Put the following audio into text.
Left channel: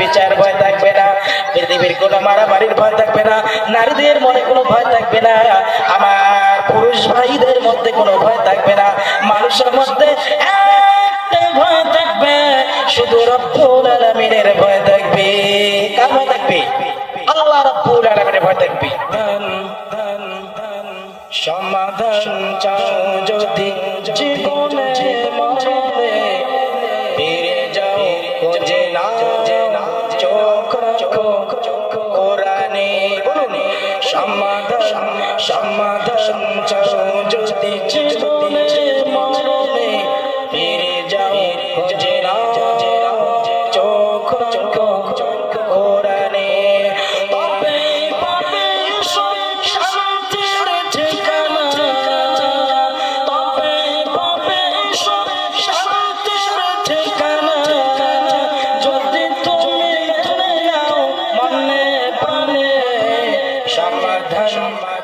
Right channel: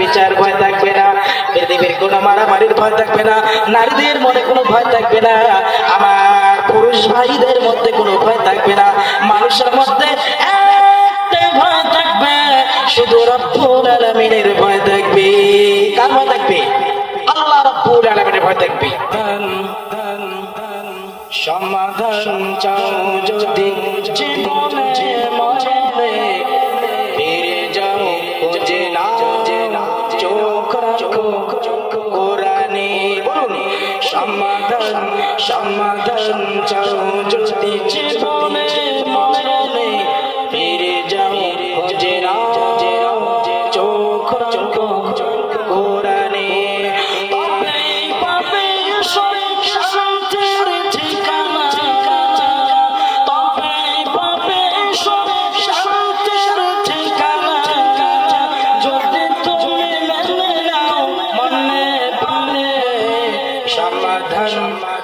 বেবিচার ভয় থাকবে না পৃথিবীর কোনো মারামারির ভয় থাকবে না, নারীদের মনে কোনো ভয় থাকবে না, আমার পুরুষ ভাইদের মধ্যে কোনো ভয় থাকবে না, মানুষের মধ্যে ভয় থাকবে, শুধু ভয় থাকবে। কার ভয় থাকবে? আল্লাহ ভয় থাকবে। সমাধান চাও যদি কোরআনে বলুন সমাধান সমাধান চাও যদি জীবন